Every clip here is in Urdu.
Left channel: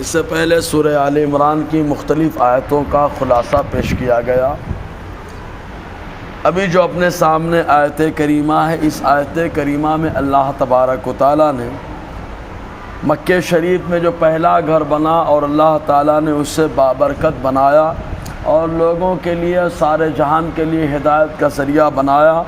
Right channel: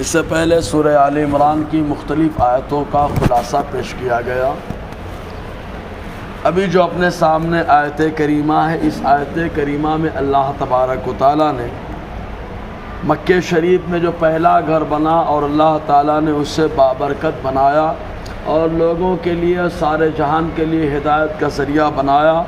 اس سے پہلے سورہ آل عمران کی مختلف آیتوں کا خلاصہ پیش کیا گیا۔ ابھی جو اپنے سامنے آیت کریمہ ہے، اس آیت کریمہ میں اللہ تبارک و تعالیٰ نے مکہ شریف میں جو پہلا گھر بنا اور اللہ تعالیٰ نے اسے بابرکت بنایا اور لوگوں کے لیے، سارے جہان کے لیے ہدایت کا ذریعہ بنایا،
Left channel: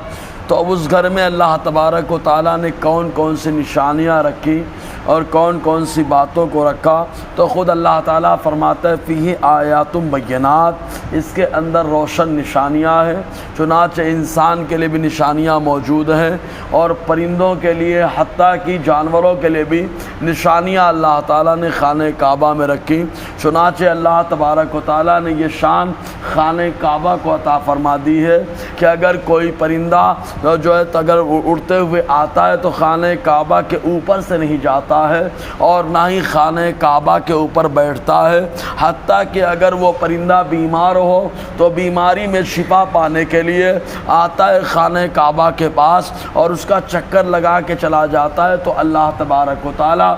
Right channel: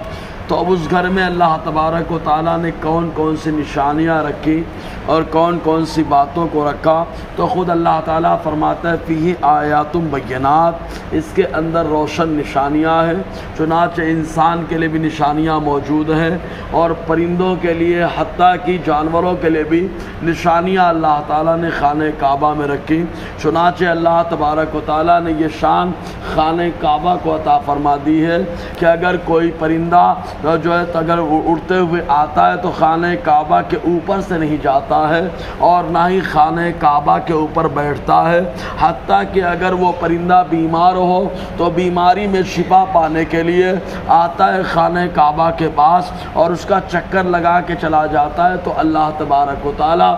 تو اب اس گھر میں اللہ تبارک و تعالیٰ نے کون کون سی نشانیاں رکھی اور کون کون سی باتوں کو رکھا، تو خود اللہ تعالیٰ فرماتا ہے فیہ آیات بینات، اس کے اندر روشن نشانیاں ہیں۔ چنانچہ انسان کے لیے بھی نشانیاں موجود ہیں اور پرندوں کے لیے، حتیٰ کہ جانوروں کے لیے بھی نشانیاں اللہ تعالیٰ نے خانہ کعبہ میں رکھی۔ چنانچہ اللہ تبارک و تعالیٰ نے یہ شان خانہ کعبہ کو عطا فرما دی ہے کہ اگر کوئی پرندہ جو ہے اگر اڑتے ہوئے آتا ہے تو خانہ کعبہ کے اوپر سے نہیں جاتا ہے اور نہ ہی خانہ کعبہ کے اوپر بیٹھتا ہے، حتیٰ کہ اگر وہ پرندہ بیمار ہو تو بیماری میں شفا پانے کے لیے آتا ہے خانہ کعبہ کے پاس اور اس کا چکر لگا کے چلا جاتا ہے، تو اللہ تبارک و تعالیٰ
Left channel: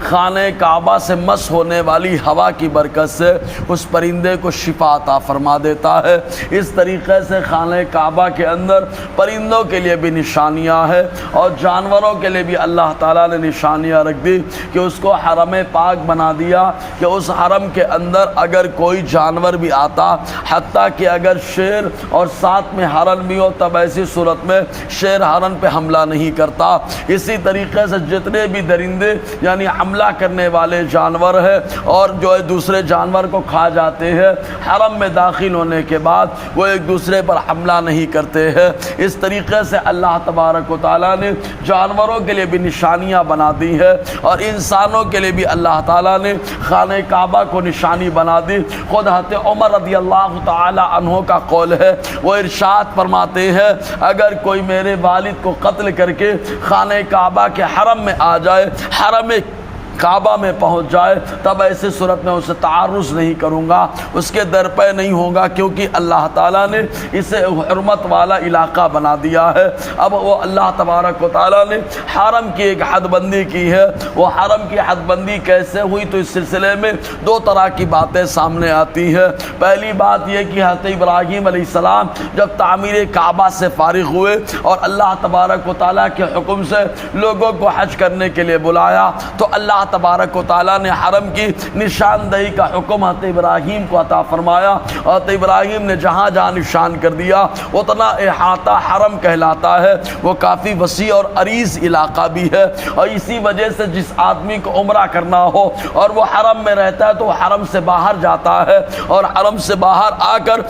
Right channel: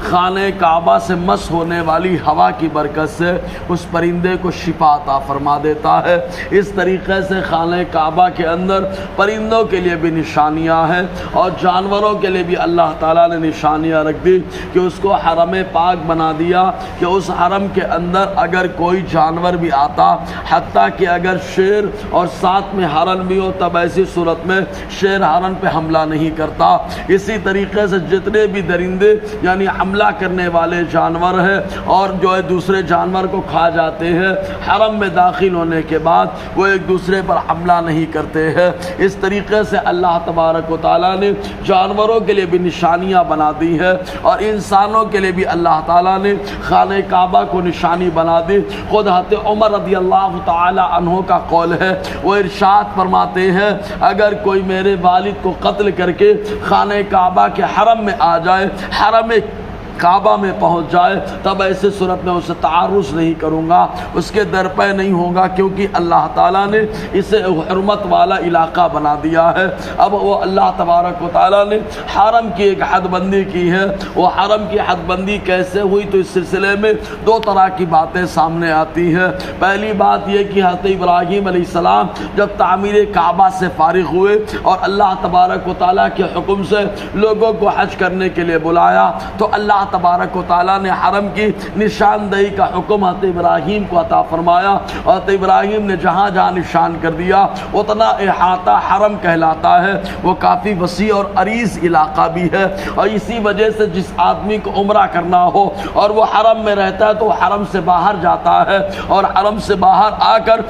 خانہ کعبہ سے مس ہونے والی ہوا کی برکت سے اس پرندے کو شفا عطا فرما دیتا ہے۔ اس طریقے سے خانہ کعبہ کے اندر پرندوں کے لیے بھی نشانیاں ہیں اور جانوروں کے لیے بھی اللہ تعالیٰ نے نشانیاں رکھ دی کہ اس کو حرم پاک بنا دیا کہ اس حرم کے اندر اگر کوئی جانور بھی آتا، حتیٰ کہ اگر شیر اور ساتھ میں ہرن بھی ہو، تب ایسی صورت میں شیر ہرن پہ حملہ نہیں کرتا۔ اسی طریقے سے جتنے بھی درندے یعنی حملہ کرنے والے جانور ہیں اور جو ہے دوسرے جانور کو کھا جاتے ہیں، حرم میں داخل ہونے کے بعد وہ ایک دوسرے پر حملہ نہیں کرتے ہیں۔ اس طریقے سے اللہ تبارک و تعالیٰ نے جانوروں کے لیے بھی نشانیاں بنا دی ہیں اور انسانوں کے لیے بھی اللہ تعالیٰ نے خانہ کعبہ کو نشانی بنا دی۔ خود حضرت عمر رضی اللہ تعالی عنہ کا قول ہے، وہ ارشاد فرماتے ہیں اگر کوئی میرے والد کو قتل کر کے خانہ کعبہ کے حرم میں آ جائے، حرم کعبہ میں پہنچ جائے، تب ایسے صورت میں اسے تعرض نہیں کروں گا، اس کے در پہ نہیں ہوگا، کیونکہ اللہ تعالیٰ نے اسے حرمت والا علاقہ بنا دیا ہے۔ اب وہ اللہ تبارک و تعالیٰ نے حرم کی ایک حد بندی کی ہے۔ وہ حرم کی حد بندی کیسے ہوئی، تو اس سلسلے میں دو طرح کی باتیں سامنے آتی ہیں۔ پہلی بات یہ کہ حضرت ابراہیم علیہ السلام جب تعمیر کعبہ سے فارغ ہوئے اور اللہ تبارک و تعالیٰ کے حکم سے لوگوں کو حج کرنے کے لیے بلایا، تو اللہ تبارک و تعالیٰ نے حرم کی نشاندہی کا حکم حضرت ابراہیم کو عطا فرمایا اور حضرت ابراہیم نے جہاں جہاں نشان کر دیا اتنا احاطہ حرم کہلاتا ہے۔ وہ کافی وسیع اور عریض علاقہ بھی ہے اور اسی وجہ سے جس آدمی کو عمرہ کرنا ہو اور وہ حرم میں رہتا ہے تو وہ حرم سے باہر جاتا ہے اور حرم سے باہر آ کر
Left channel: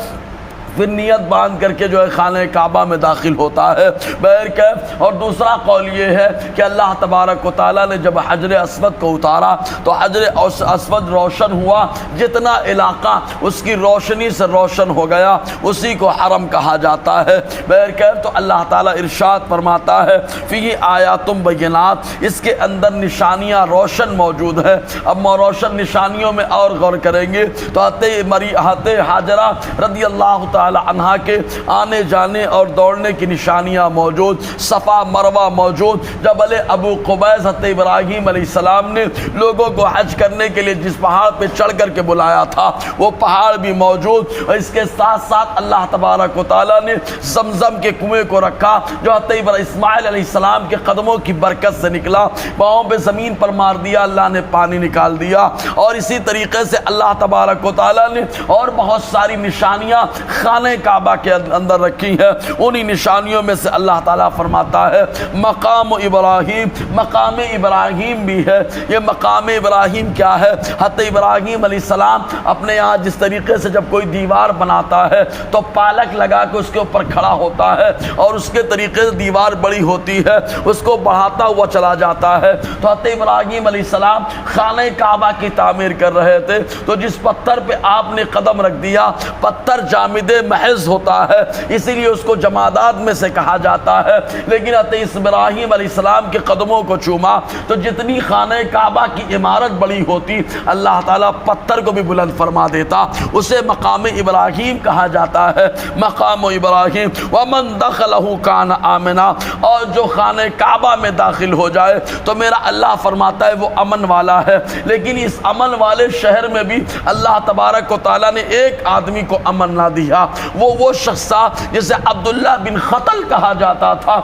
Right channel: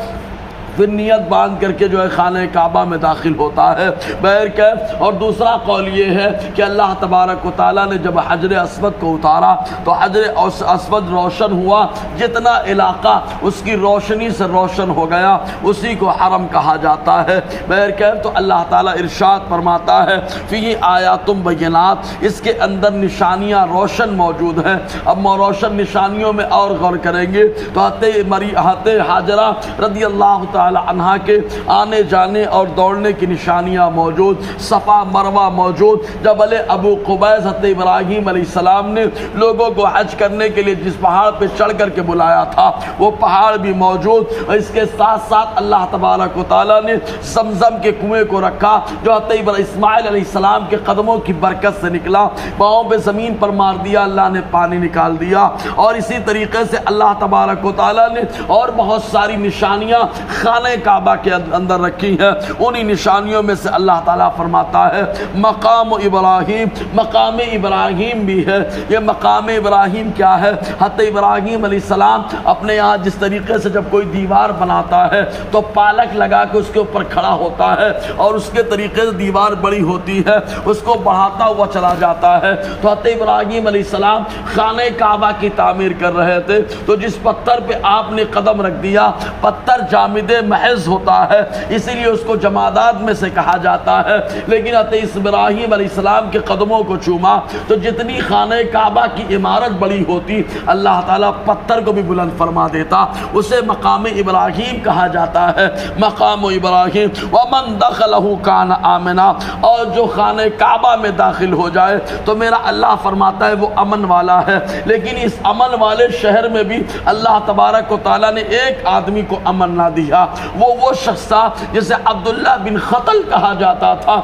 پھر نیت باندھ کر کے جو ہے خانہ کعبہ میں داخل ہوتا ہے۔ بہرکیف اور دوسرا قول یہ ہے کہ اللہ تبارک و تعالیٰ نے جب حجر اسود کو اتارا تو حجر اسود روشن ہوا، جتنا علاقہ اس کی روشنی سے روشن ہو گیا اسی کو حرم کہا جاتا ہے۔ بہرکیف تو اللہ تعالیٰ ارشاد فرماتا ہے فیہ آیات بینات، اس کے اندر نشانیاں روشن موجود ہیں۔ اب روشن نشانیوں میں اور غور کریں گے تو حضرت ہاجرہ رضی اللہ تعالیٰ عنہا کے آنے جانے اور دوڑنے کی نشانیاں موجود، صفا مروہ موجود، جبل ابو قبیس حضرت ابراہیم علیہ السلام نے لوگوں کو حج کرنے کے لیے جس پہاڑ پہ چڑھ کر کے بلایا تھا وہ پہاڑ بھی موجود۔ اس کے ساتھ ساتھ اللہ تبارک و تعالیٰ نے زمزم کے کنویں کو رکھا جو حضرت اسماعیل علیہ السلام کے قدموں کی برکت سے نکلا، پاؤں پہ زمین پر مار دیا، اللہ نے پانی نکال دیا۔ اور اسی طریقے سے اللہ تبارک و تعالیٰ نے اور بہت ساری نشانیاں خانہ کعبہ کے اندر رکھی ہے۔ انہی نشانیوں میں سے اللہ تعالیٰ فرماتا ہے مقام ابراہیم، مقام ابراہیم بھی ہے۔ یہ مقام ابراہیم کیا ہے؟ حضرت ابراہیم علیہ السلام اپنے یہاں جس طریقے سے جب کوئی دیوار بناتا ہے تو پالک لگا کے اس کے اوپر کھڑا ہوتا ہے اور اس کے طریقے سے دیوار بڑی ہوتی ہے، اس کو بڑھاتا ہوا چلا جاتا ہے۔ تو حضرت ابراہیم علیہ السلام خانہ کعبہ کی تعمیر کر رہے تھے تو جس پتھر پہ آپ نے قدم رکھ دیا، پتھر جامد محض ہوتا ہے، اسی لیے اس کو جمادات میں سے کہا جاتا ہے۔ لیکن حضرت ابراہیم علیہ السلام کے قدموں کو چوما تو جتنی خانہ کعبہ کی عمارت بڑی ہوتی اللہ تعالیٰ پتھر کو بھی بلند فرما دیتا، اسے مقام ابراہیم کہا جاتا ہے۔ مقام ابراہیم ومن دخلہ کان آمنا، اور جو خانہ کعبہ میں داخل ہو جائے تو میرا اللہ فرماتا ہے وہ امن والا ہے۔ لیکن اس امن والے شہر میں بھی اللہ تبارک و تعالیٰ نے ایک آدمی کو امن نہ دیا، وہ شخص تھا جسے عبداللہ بن خطل کہا جاتا تھا۔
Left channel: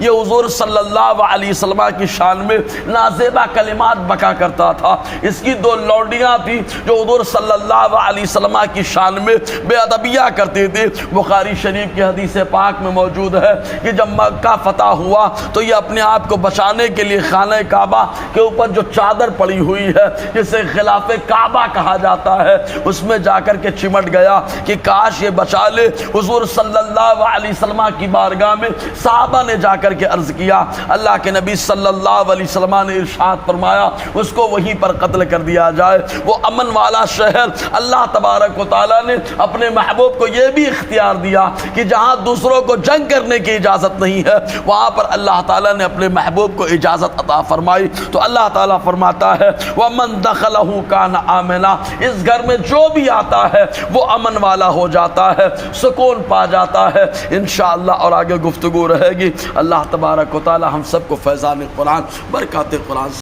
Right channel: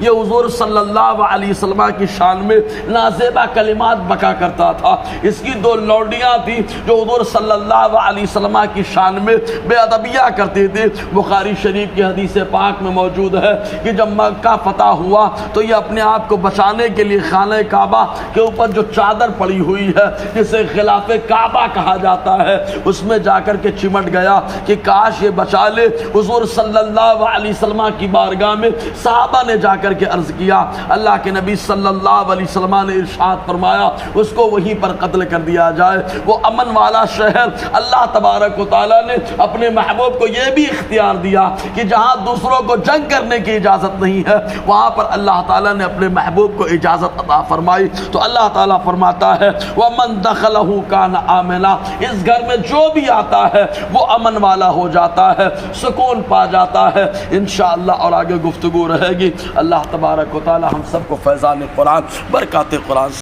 یہ حضور صلی اللہ علیہ وسلم کی شان میں نازیبہ کلمات بکا کرتا تھا۔ اس کی دو لوڈیاں تھی جو حضور صلی اللہ علیہ وسلم کی شان میں بے ادبیہ کرتے تھے۔ بخاری شریف کی حدیث پاک میں موجود ہے کہ جب مکہ فتح ہوا تو یہ اپنے آپ کو بچانے کے لیے خانہ کعبہ کے اوپر جو چادر پڑی ہوئی ہے جسے غلاف کعبہ کہا جاتا ہے اس میں جا کر کے چمٹ گیا کہ کاش یہ بچا لے۔ حضور صلی اللہ علیہ وسلم کی بارگاہ میں صحابہ نے جا کر کے عرض کیا، اللہ کے نبی صلی اللہ علیہ وسلم نے ارشاد فرمایا اس کو وہیں پر قتل کر دیا جائے۔ وہ امن والا شہر اللہ تبارک و تعالیٰ نے اپنے محبوب کو یہ بھی اختیار دیا کہ جہاں دوسروں کو جنگ کرنے کی اجازت نہیں ہے وہاں پر اللہ تعالیٰ نے اپنے محبوب کو اجازت عطا فرمائی۔ تو اللہ تعالیٰ فرماتا ہے وَمَن دَخَلَهُ كَانَ آمِنًا، اس گھر میں جو بھی آتا ہے وہ امن والا ہو جاتا ہے، سکون پا جاتا ہے انشاءاللہ۔ اور آگے گفتگو رہے گی۔ اللہ تبارک و تعالی ہم سب کو فیضان قرآن، برکات قرآن